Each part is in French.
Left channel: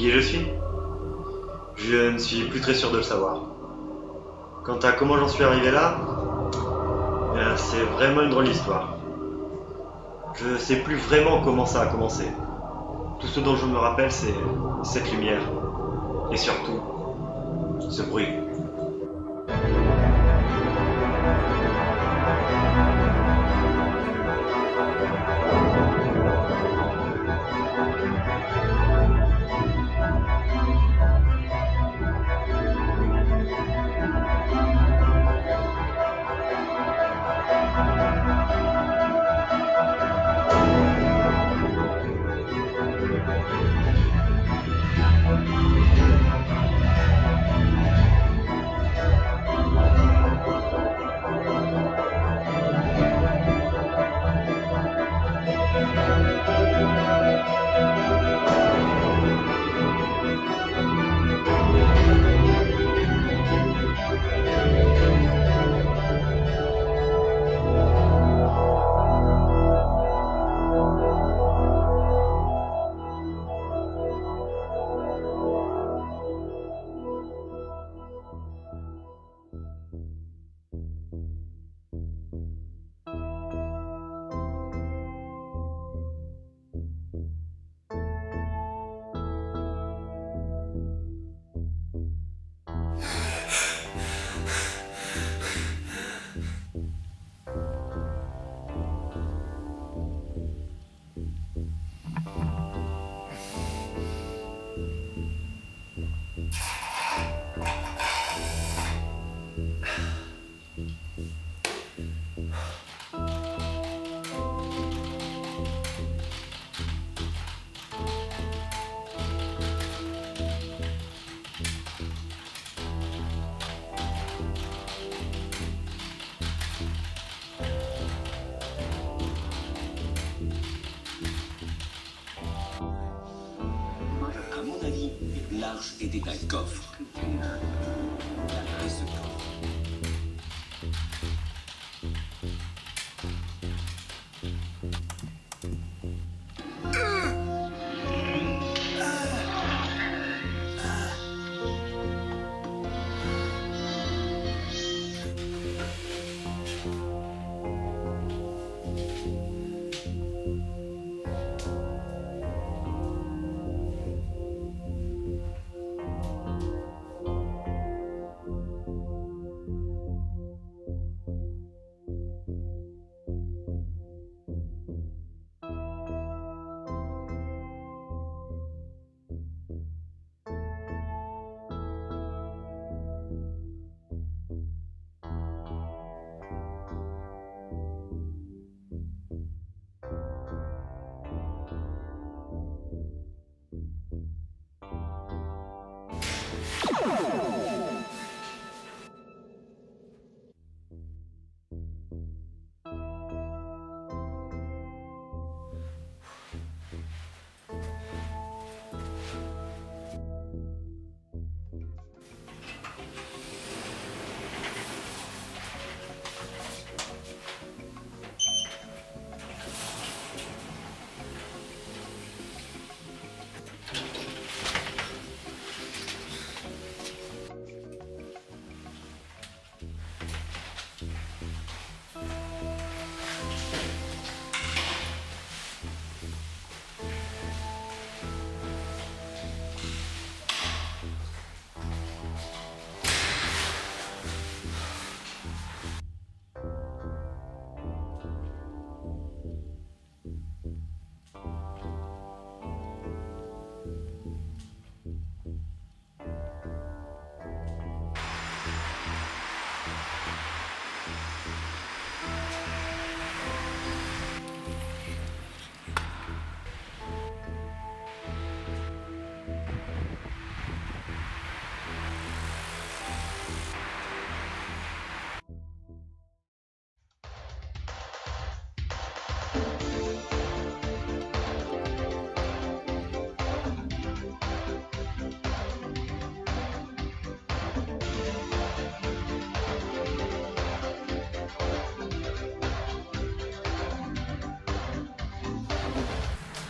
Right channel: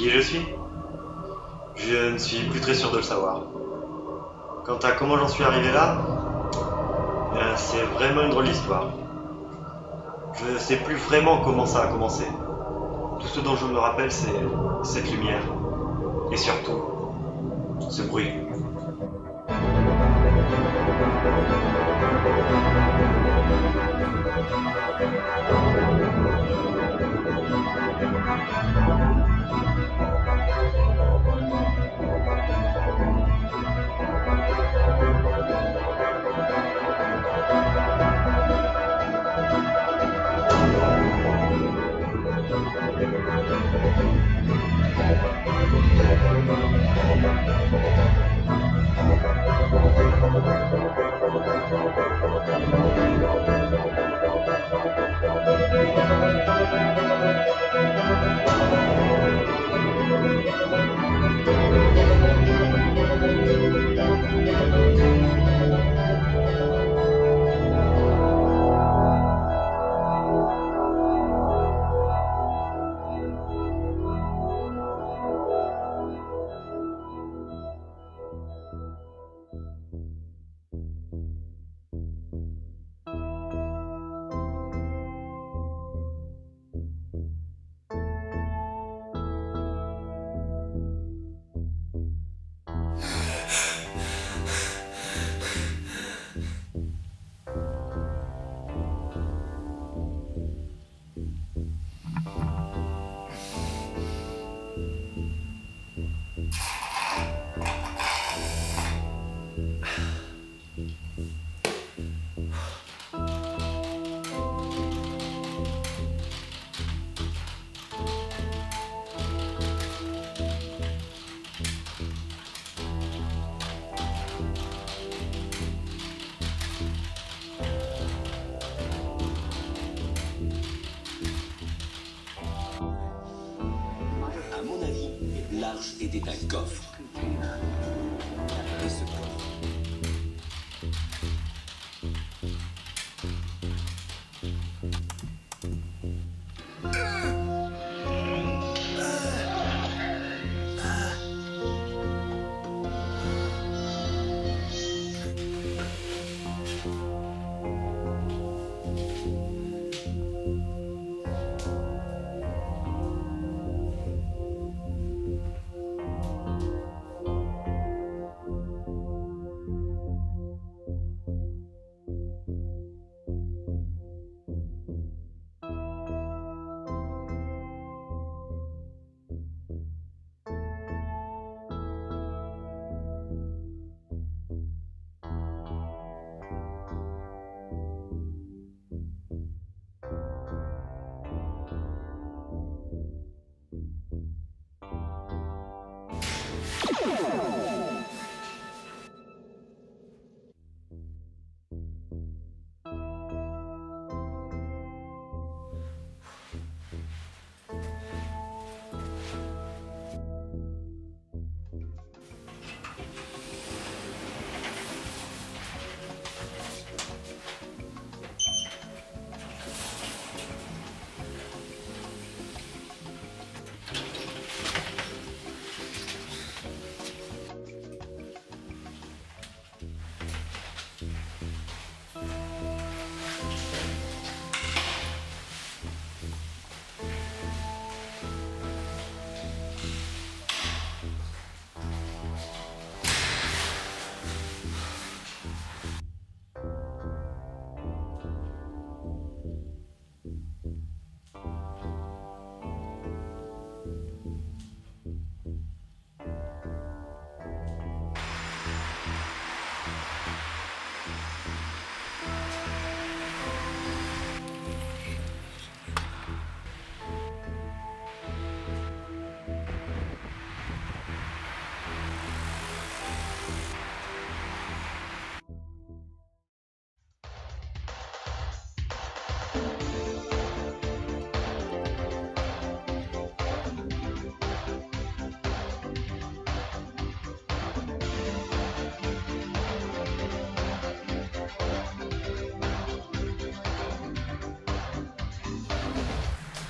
Qui je suis? Je ne suis plus très sûr de le savoir. Quant à comment j'en suis arrivé là, c'est vraiment une drôle d'histoire. Je sais plus vraiment comment ça a commencé. Tout ce dont je me rappelle, c'est cette lumière. Et surtout, ce bruit.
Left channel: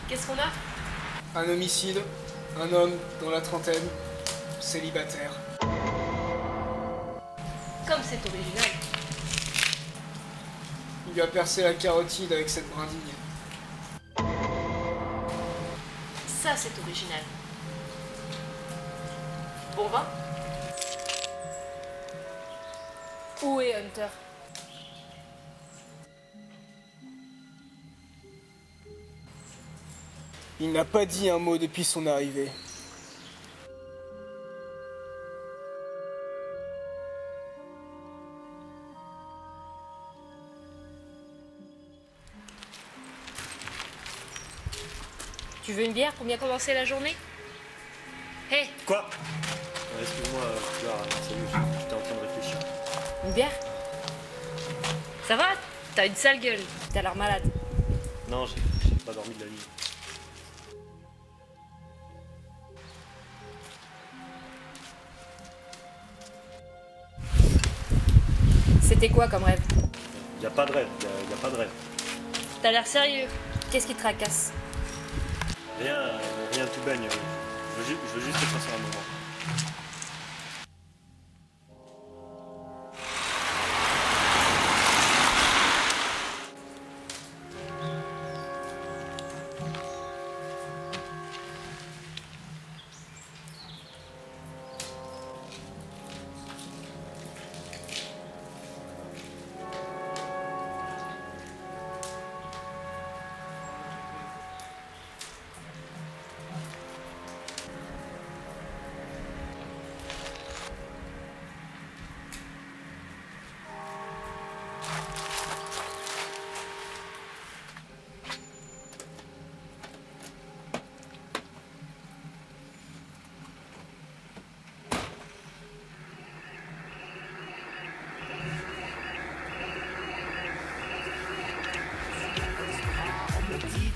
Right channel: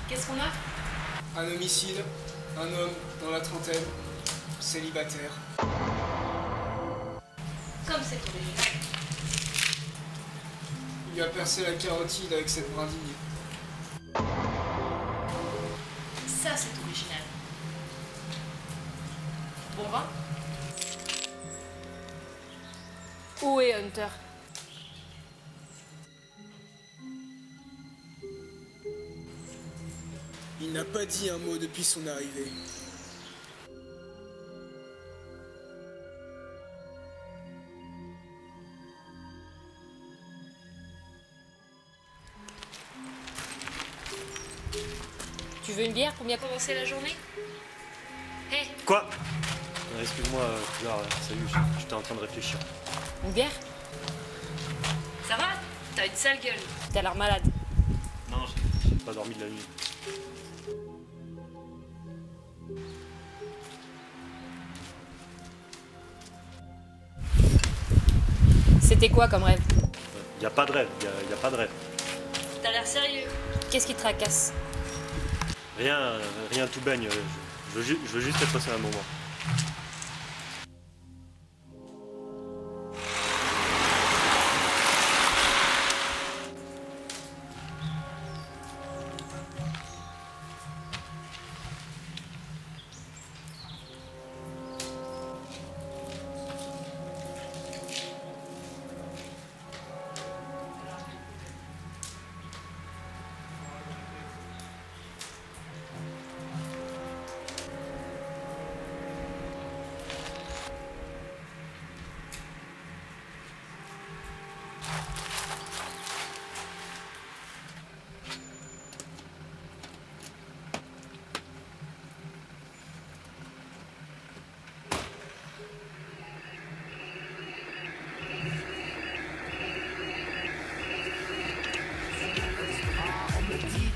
Qu'est-ce qu'on a? Un homicide, Un homme dans la trentaine, célibataire. Comme c'est original. Il lui a percé la carotide avec cette brindille. Ça, c'est original. Bon vin? Où est Hunter? Il n'a pas dit un mot depuis son arrivée. Tu veux une bière pour bien commencer la journée? Hé, Quoi? Excuse-moi, Poulard, salut, j'étais en train de réfléchir. une bière? Ça va? T'as une sale gueule. T'as l'air malade. Non, j'ai pas dormi de la nuit. C'était quoi comme rêve? Y a pas de rêve, y a pas de rêve. T'as l'air sérieux. Qu'est-ce qui te tracasse? Rien tout baigne, je veux juste être passé un moment.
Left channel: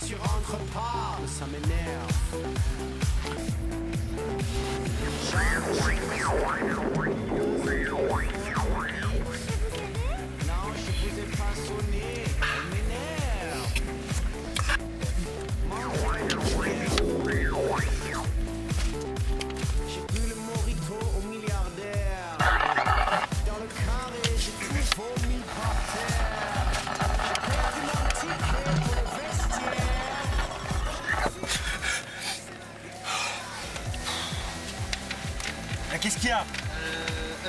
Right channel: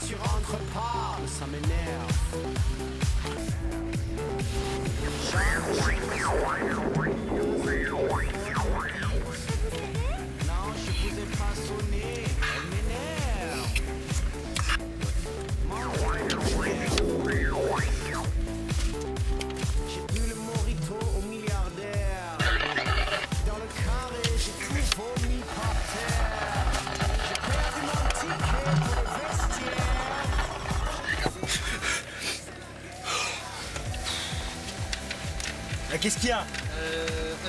Tu rentres pas, ça m'énerve. Non, je vous ai pas sonné, elle m'énerve. J'ai bu le mojito au milliardaire. Dans le carré, j'ai tout vomi par terre. J'ai perdu mon ticket pour le vestiaire. Qu'est-ce qu'il y a?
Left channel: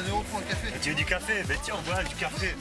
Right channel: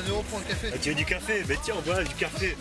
1 euro pour un café. Tu veux du café? Ben tiens, voilà du café.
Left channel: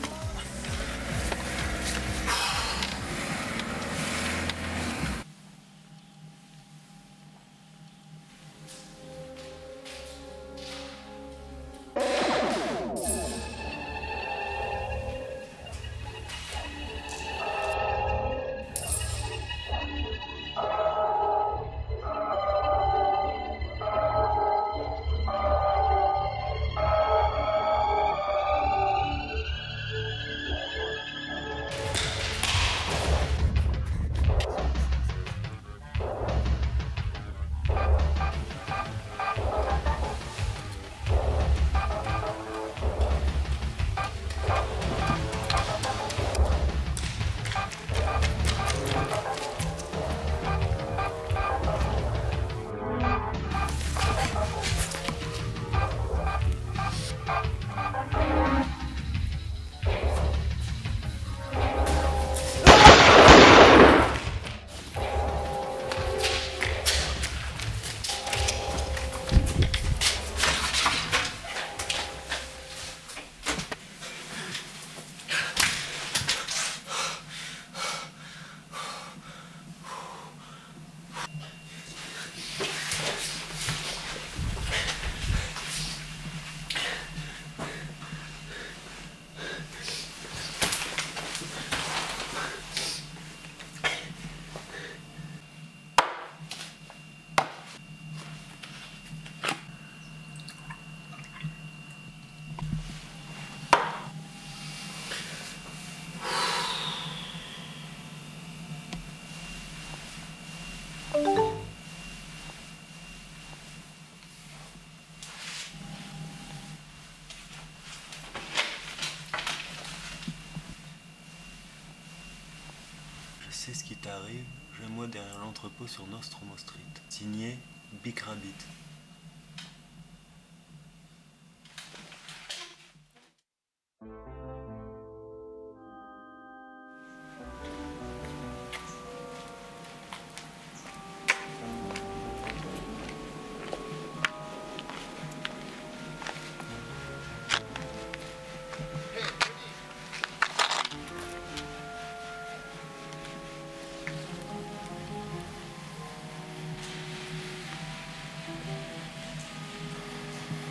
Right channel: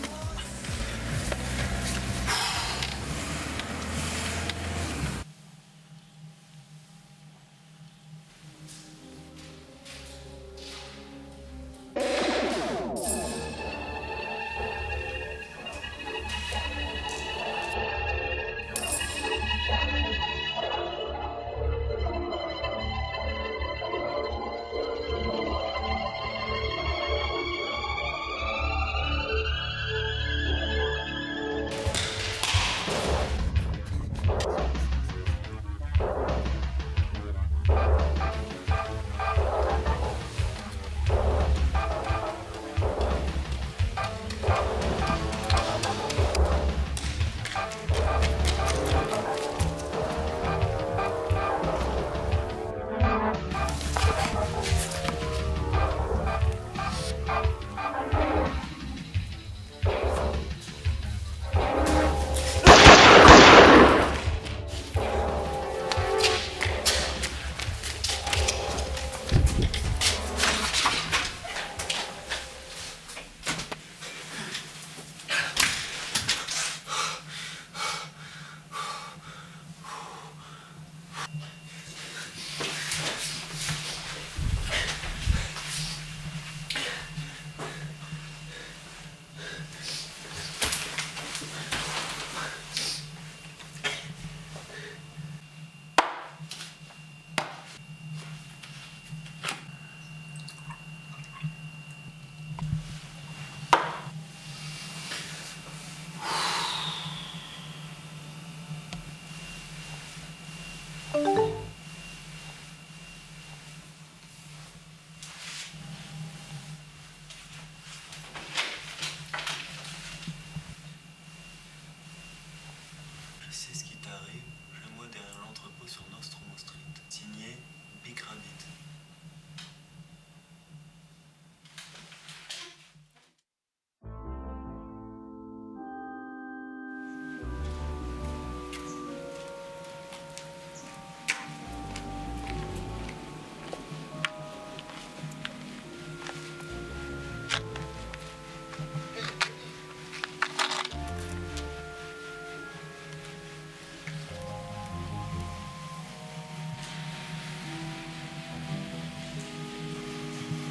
C'est ce qui t'arrive, j'ai moi derrière l'entrepôt sur Nostromo Street. Signé Big Rabbit.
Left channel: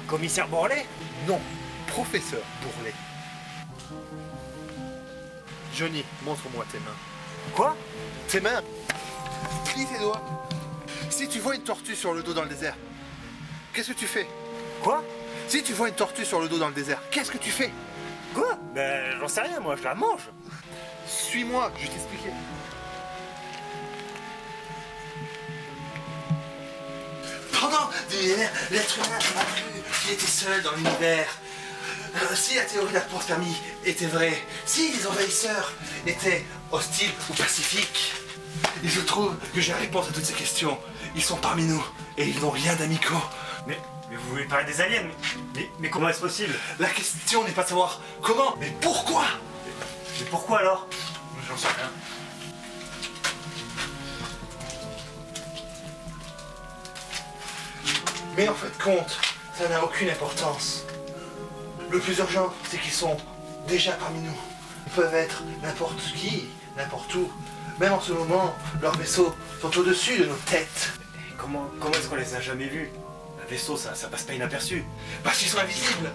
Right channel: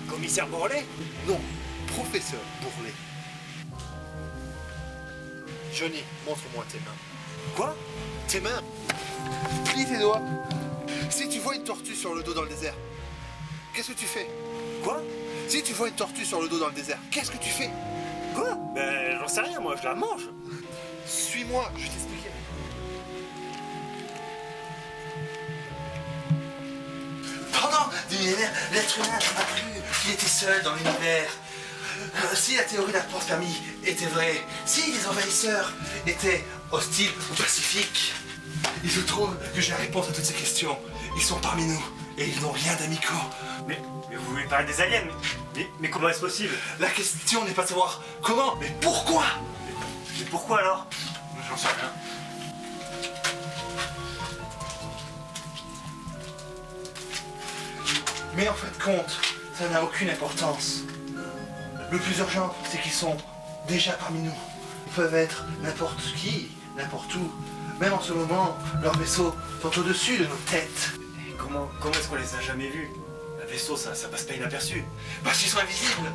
Commissaire Bourlet? Non, professeur Bourlet. Johnny, montre-moi tes mains. Quoi? Tes mains. Plie tes doigts. Si tu vois une tortue sur le dos dans le désert, qu'est-ce que tu fais? Quoi? Si tu vois une tortue sur le dos dans le désert, qu'est-ce que tu fais? Quoi? Ben, j'en sais rien, moi, je la mange. Suis-moi, je vais t'expliquer. Pendant des millénaires, l'être humain a cru qu'il était seul dans l'univers. Si la théorie de la panspermie était vraie, si les envahisseurs étaient hostiles ou pacifiques, et je trouve que j'ai la réponse à toutes ces questions. Ils sont parmi nous et ils n'ont rien d'amicaux. Mais vous voulez pas des aliens? Mais comment est-ce possible? La question n'est pas de savoir comment, mais pourquoi. Mais pourquoi alors? J'en sais rien. Mais en fait compte, ça n'a aucune importance. Le plus urgent, c'est qu'ils sont déjà parmi nous. Ils peuvent être n'importe qui, n'importe où. Même en ce moment, leurs vaisseaux sont au-dessus de nos têtes. Comment est-ce qu'on les a jamais vus? Un vaisseau, ça passe pas inaperçu. Parce qu'ils sont invisibles.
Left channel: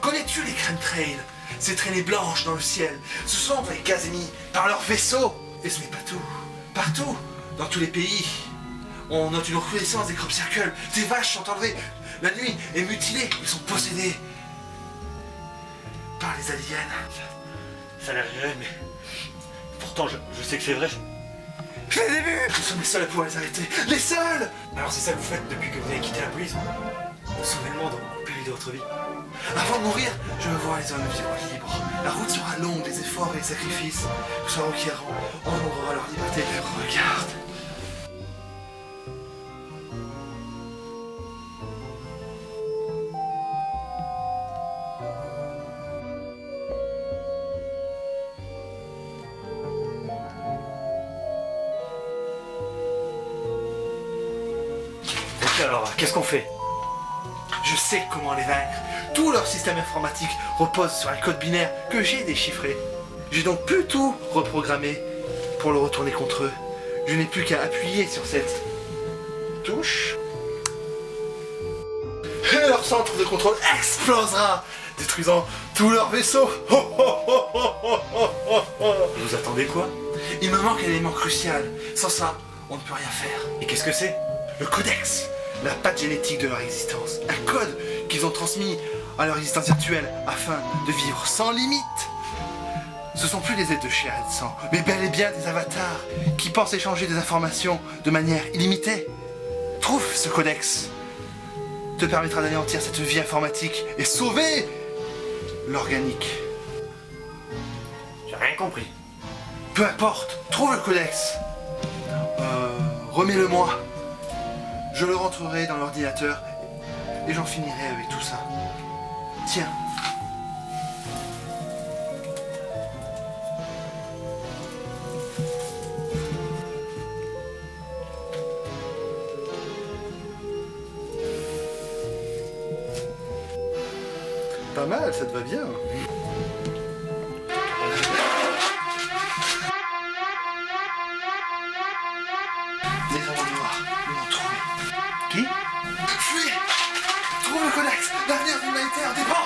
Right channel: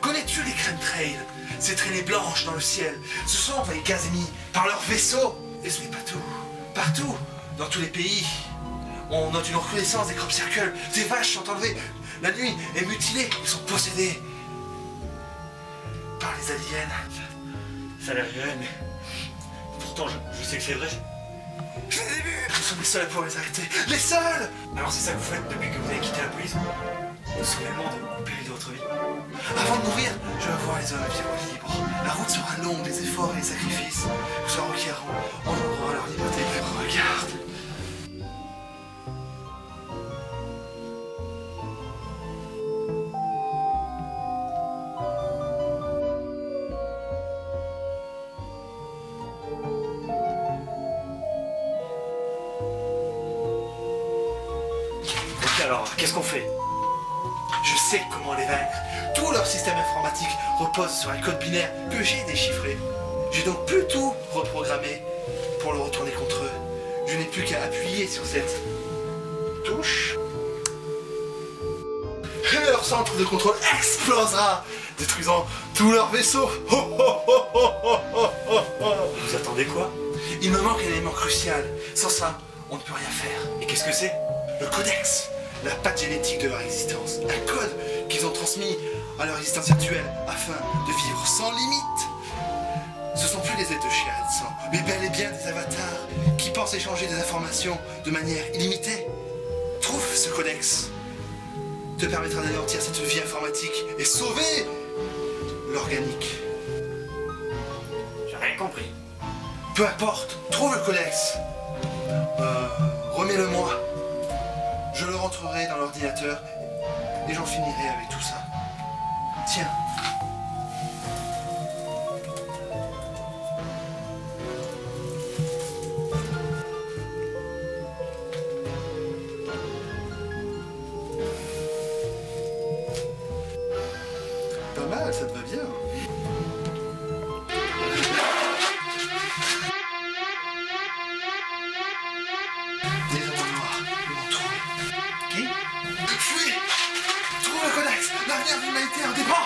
Connais-tu les chemtrails? Ces traînées blanches dans le ciel. Ce sont des gaz émis par leurs vaisseaux. Et ce n'est pas tout. Partout, dans tous les pays, on note une recrudescence des crop circles. Des vaches sont enlevées. La nuit est mutilée. Ils sont possédés par les aliens. Ça a l'air réel, mais... Pourtant, je sais que c'est vrai. Je les ai vus. Nous sommes les seuls pour les arrêter. Les seuls. Alors c'est ça que vous faites depuis que vous avez quitté la police? C'est soudainement dans le pays de votre vie. Avant de mourir, je veux voir les hommes libres. La route sera longue, des efforts et des sacrifices se requierront. On aura leur liberté qu'elle regarde. Ok, alors, qu'est-ce qu'on fait? Je sais comment les vaincre. Tout leur système informatique repose sur un code binaire que j'ai déchiffré. J'ai donc pu tout reprogrammer pour le retourner contre eux. Je n'ai plus qu'à appuyer sur cette touche. Et leur centre de contrôle explosera, détruisant tous leurs vaisseaux. Vous attendez quoi? Il me manque un élément crucial. Sans ça, on ne peut rien faire. Et qu'est-ce que c'est? Le codex, la patte génétique de leur existence. Un code qu'ils ont transmis à leur existence virtuelle afin de vivre sans limite. Ce sont plus des êtres de chair et de sang, mais bel et bien des avatars qui pensent échanger des informations de manière illimitée. Trouve ce codex. Te permettra d'anéantir cette vie informatique et sauver l'organique. J'ai rien compris. Peu importe, trouve le codex. Remets-le-moi. Je le rentrerai dans l'ordinateur et j'en finirai avec tout ça. Tiens. Pas mal, ça te va bien. Qui? Fuis! Trouve le codex! L'avenir de l'humanité en dépend!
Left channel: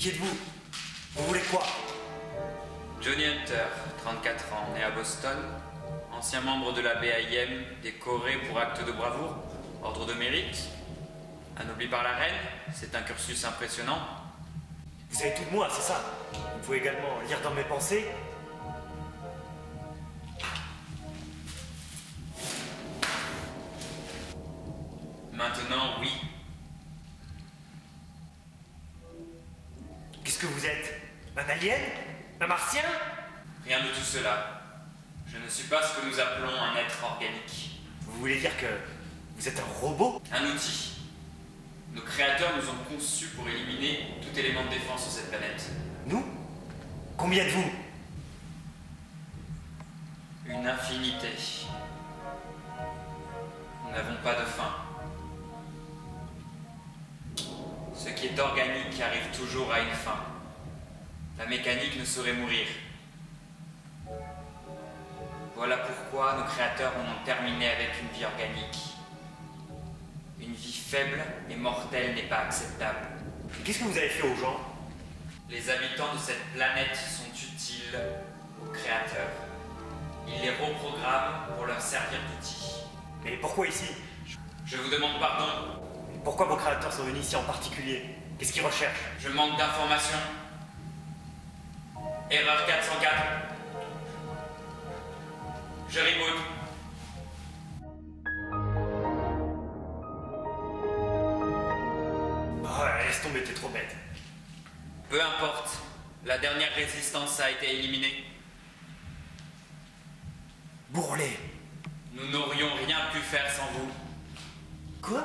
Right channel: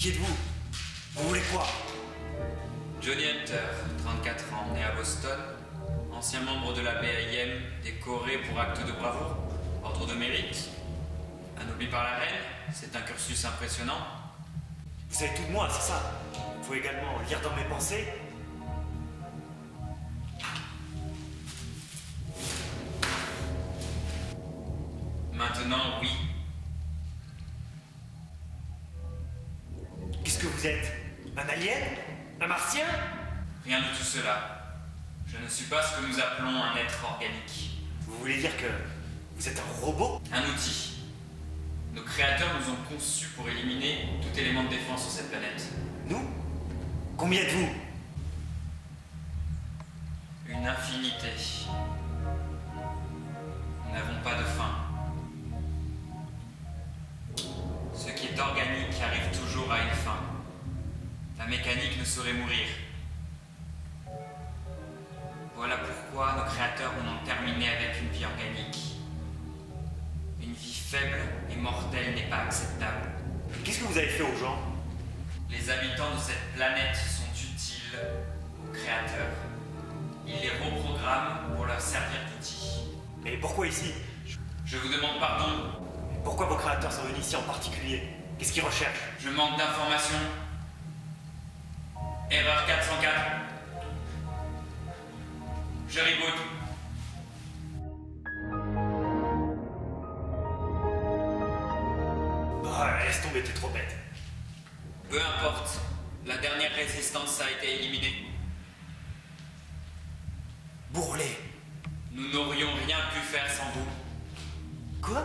Qui êtes-vous? Vous voulez quoi? Johnny Hunter, 34 ans, né à Boston, ancien membre de la BIM, décoré pour acte de bravoure, ordre de mérite, anobli par la reine, c'est un cursus impressionnant. Vous savez tout de moi, c'est ça? Vous pouvez également lire dans mes pensées? Maintenant, oui. Qu'est-ce que vous êtes? Un alien? Un martien? Rien de tout cela. Je ne suis pas ce que nous appelons un être organique. Vous voulez dire que vous êtes un robot? Un outil. Nos créateurs nous ont conçus pour éliminer tout élément de défense sur cette planète. Nous? Combien de vous? Une infinité. Nous n'avons pas de fin. Ce qui est organique arrive toujours à une fin. La mécanique ne saurait mourir. Voilà pourquoi nos créateurs en ont terminé avec une vie organique. Une vie faible et mortelle n'est pas acceptable. Qu'est-ce que vous avez fait aux gens? Les habitants de cette planète sont utiles aux créateurs. Ils les reprogramment pour leur servir d'outils. Mais pourquoi ici? Je vous demande pardon. Pourquoi vos créateurs sont venus ici en particulier? Qu'est-ce qu'ils recherchent? Je manque d'informations. Erreur 404. Je réécoute. Oh, laisse tomber, t'es trop bête. Peu importe. La dernière résistance a été éliminée. Bourrelet. Nous n'aurions rien pu faire sans vous. Quoi?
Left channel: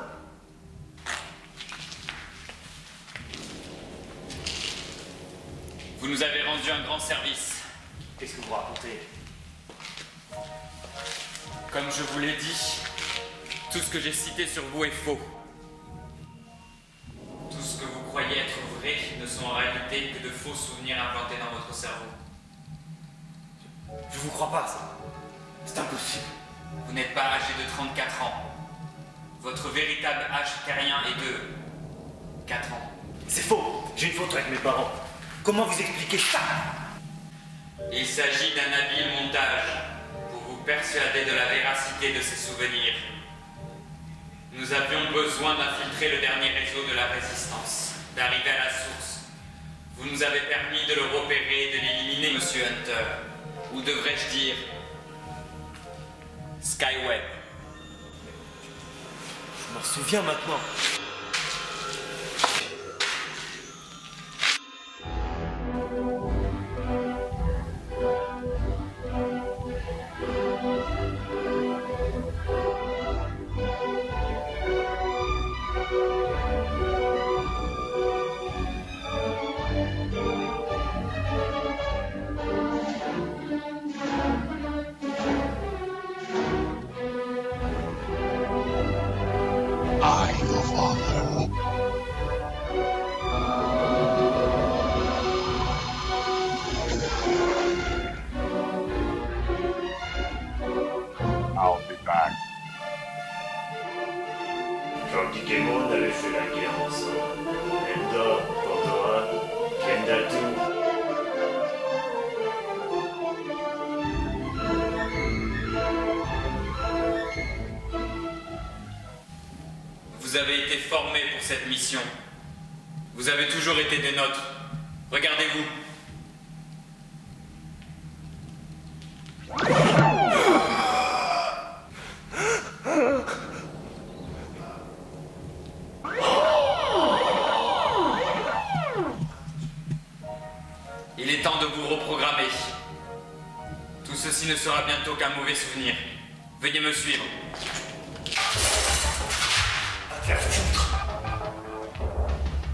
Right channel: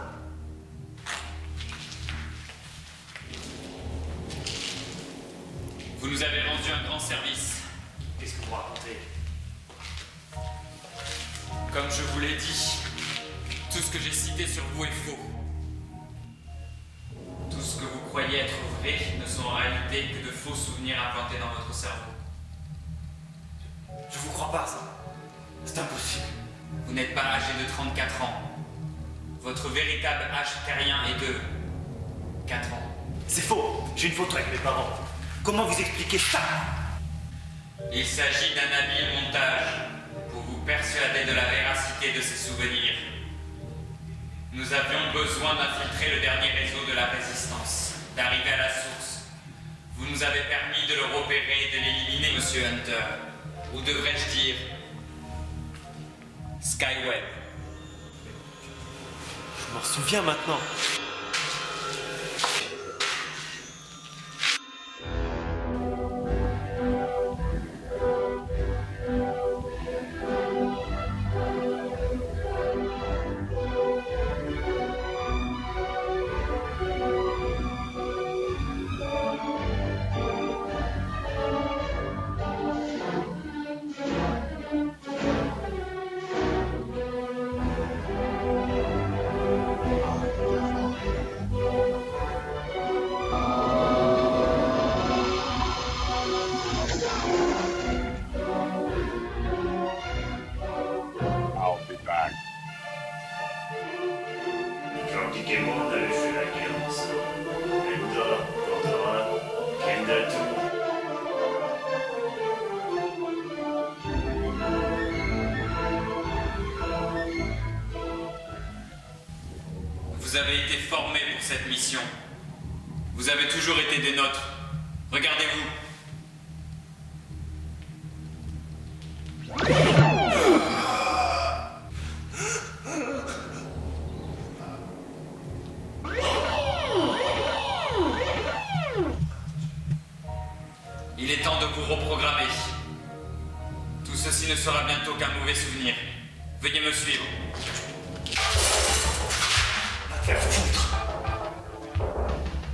Vous nous avez rendu un grand service. Qu'est-ce que vous racontez? Comme je vous l'ai dit, tout ce que j'ai cité sur vous est faux. Tout ce que vous croyez être vrai ne sont en réalité que de faux souvenirs implantés dans votre cerveau. Je vous crois pas, ça. C'est impossible. Vous n'êtes pas âgé de 34 ans. Votre véritable âge terrien est de 4 ans. C'est faux. J'ai une photo avec mes parents. Comment vous expliquez ça? Il s'agit d'un habile montage pour vous persuader de la véracité de ces souvenirs. Nous avions besoin d'infiltrer le dernier réseau de la résistance, d'arriver à la source. Vous nous avez permis de le repérer et de l'éliminer, Monsieur Hunter. Ou devrais-je dire Skyweb. Je m'en souviens maintenant. Vous avez été formés pour cette mission. Vous avez toujours été des nôtres. Regardez-vous. Il est temps de vous reprogrammer. Tout ceci ne sera bientôt qu'un mauvais souvenir. Veuillez me suivre.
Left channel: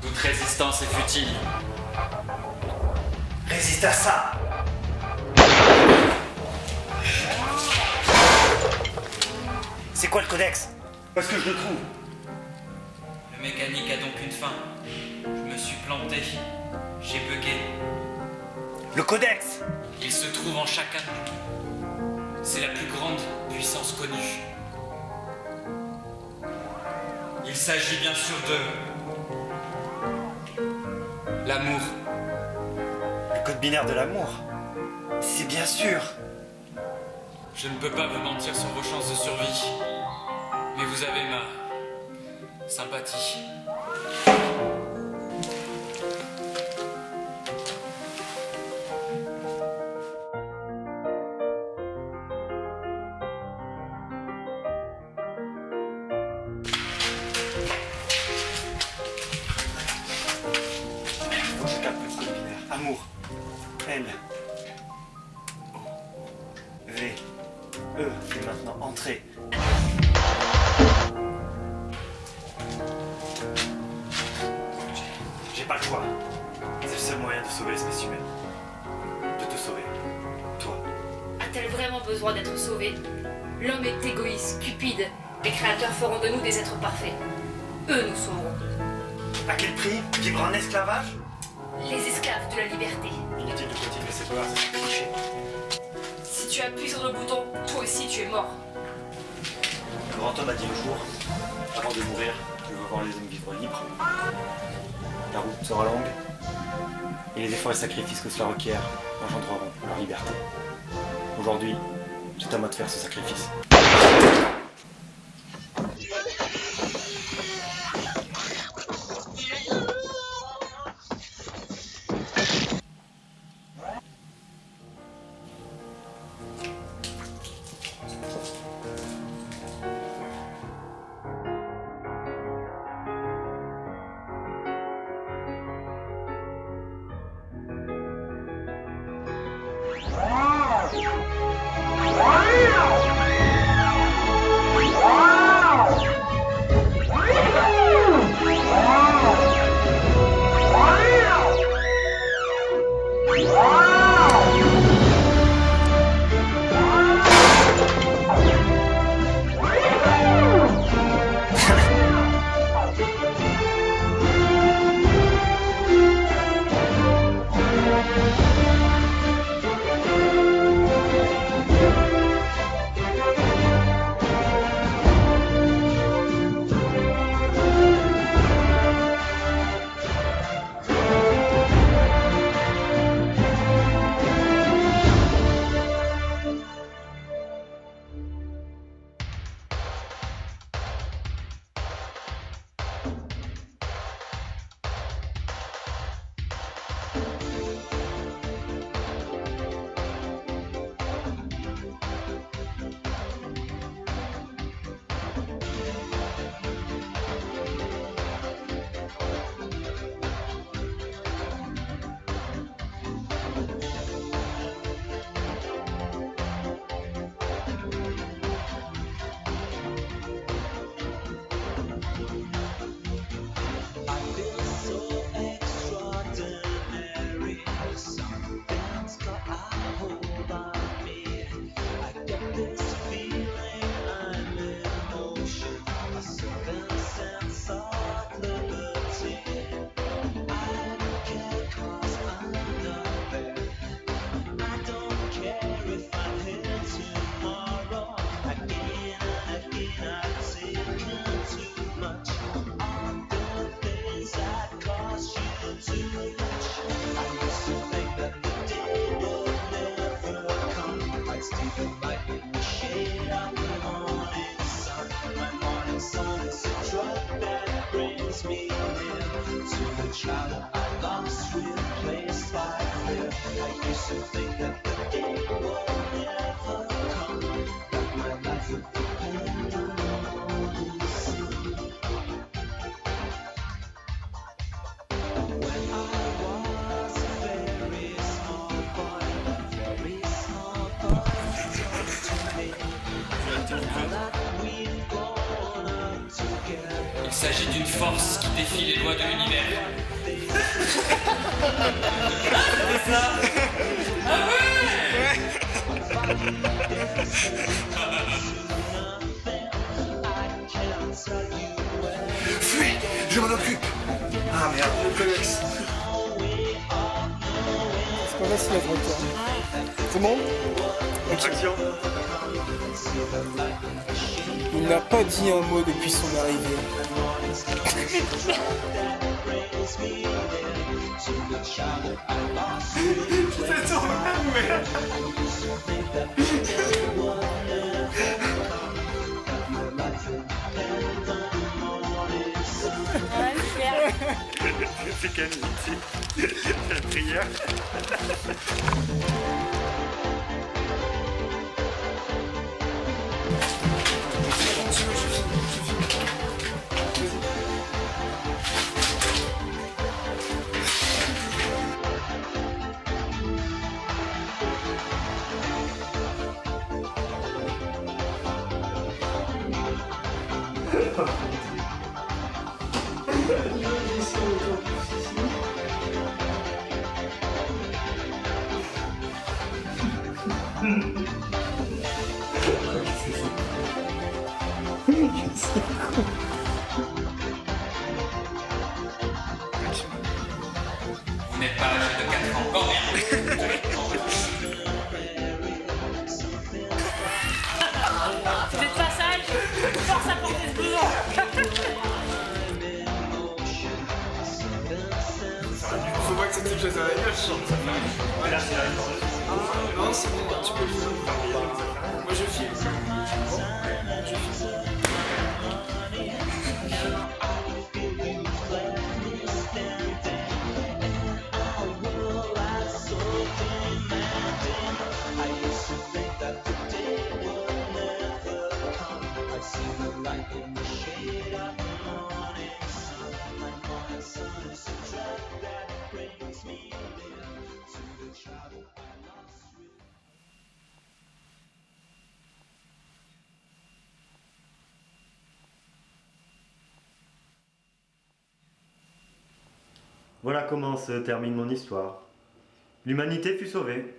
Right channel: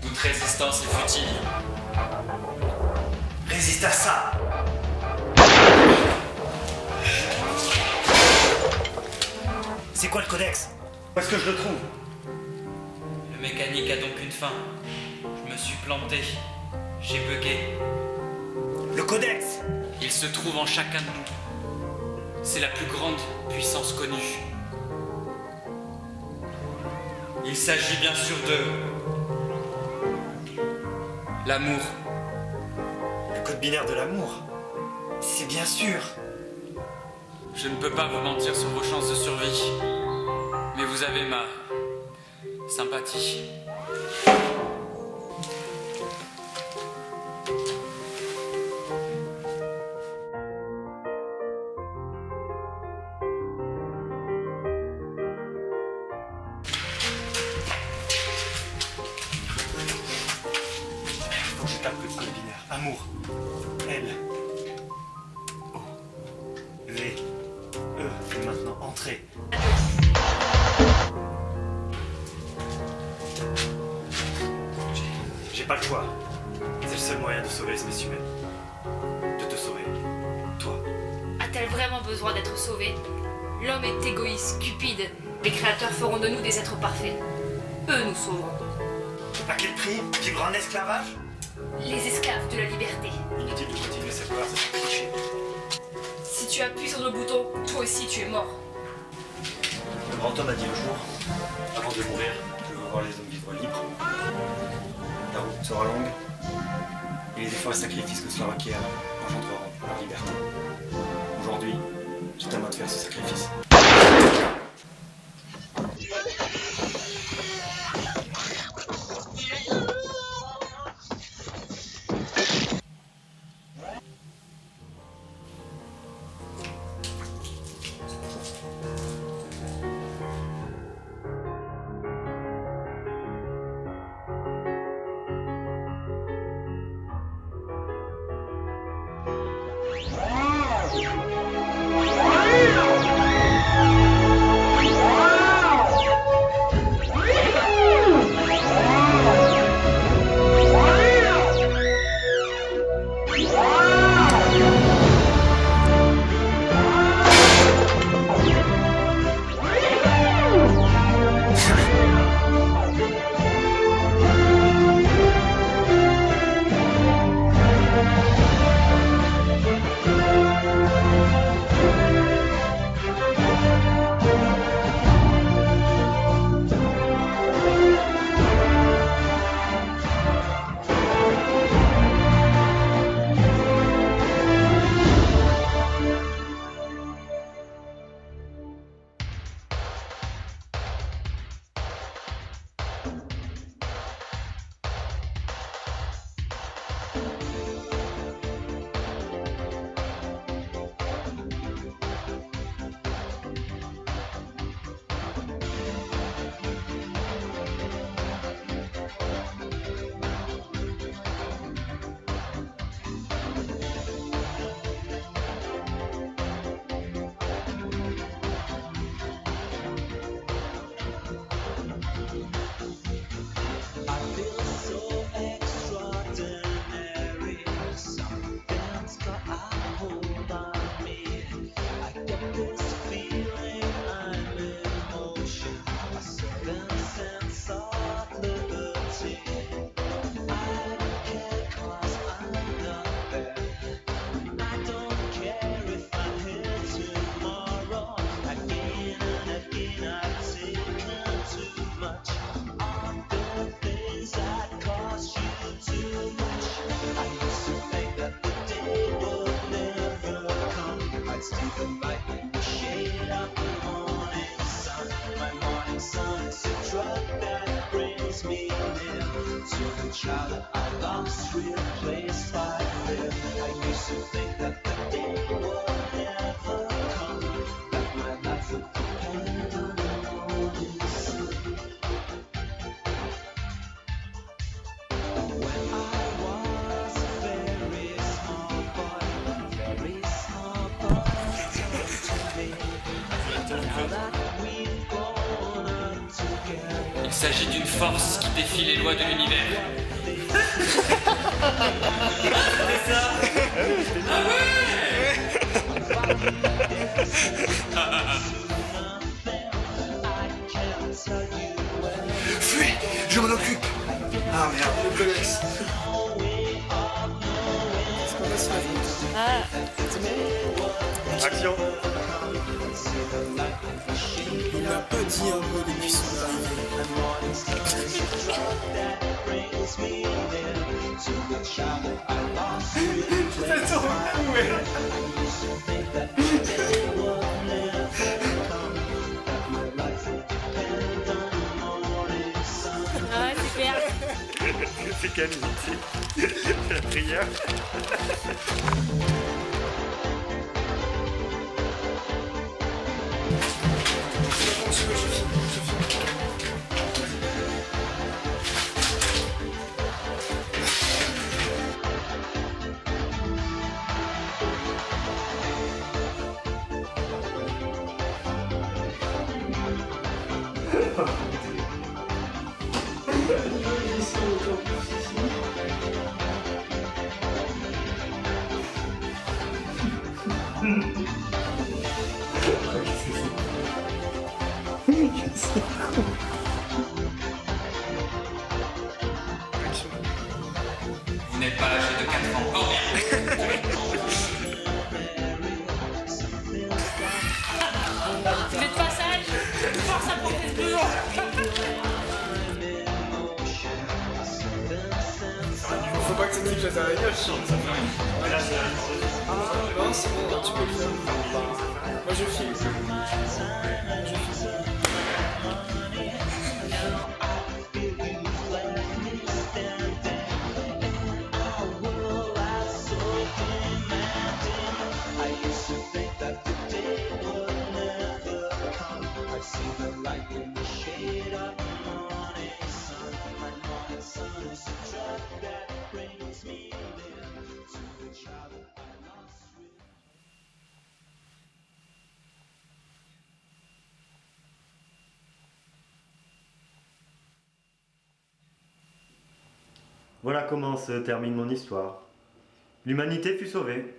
Toute résistance est futile. Résiste à ça. C'est quoi le codex? Parce que je le trouve. Le mécanique a donc une fin. Je me suis planté. J'ai bugué. Le codex. Il se trouve en chacun de nous. C'est la plus grande puissance connue. Il s'agit bien sûr de l'amour. Le code binaire de l'amour. C'est bien sûr. Je ne peux pas vous mentir sur vos chances de survie, mais vous avez ma sympathie. Quand je tape le code binaire, amour, L, O, V, E, et maintenant entrée. J'ai pas le choix. C'est le seul moyen de sauver l'espèce humaine. De te sauver. Toi. A-t-elle vraiment besoin d'être sauvée? L'homme est égoïste, cupide. Les créateurs feront de nous des êtres parfaits. Eux nous sauveront. À quel prix? Vivre en esclavage? Les esclaves de la liberté. Inutile de continuer cette conversation cliché. Si tu appuies sur le bouton, toi aussi tu es mort. Le grand homme a dit un jour, avant de mourir, je veux voir les hommes vivre libres. La route sera longue, et les efforts et sacrifices que cela requiert engendreront la liberté. Aujourd'hui, c'est à moi de faire ce sacrifice. Shade of the morning sun, my morning sun is a Il s'agit d'une force qui défie les lois de l'univers. Je m'en occupe. Ah merde. On laisse la compte. C'est bon? Il n'a pas dit un mot depuis son arrivée. Ouais, super. Vous n'êtes pas âgé de perdre encore Vous n'êtes pas sage. Force à porter le plus lourd. Voilà comment se termine mon histoire. L'humanité fut sauvée,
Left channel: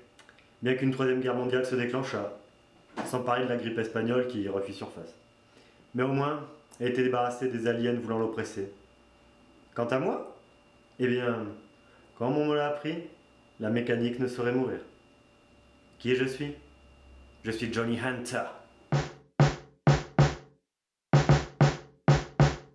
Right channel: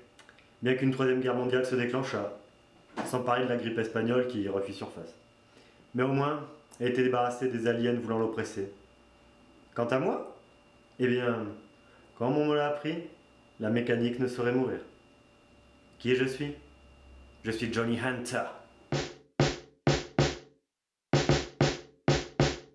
bien qu'une troisième guerre mondiale se déclenchât, sans parler de la grippe espagnole qui refit surface. Mais au moins, elle était débarrassée des aliens voulant l'oppresser. Quant à moi, eh bien, comme on me l'a appris, la mécanique ne saurait mourir. Qui je suis? Je suis Johnny Hunter.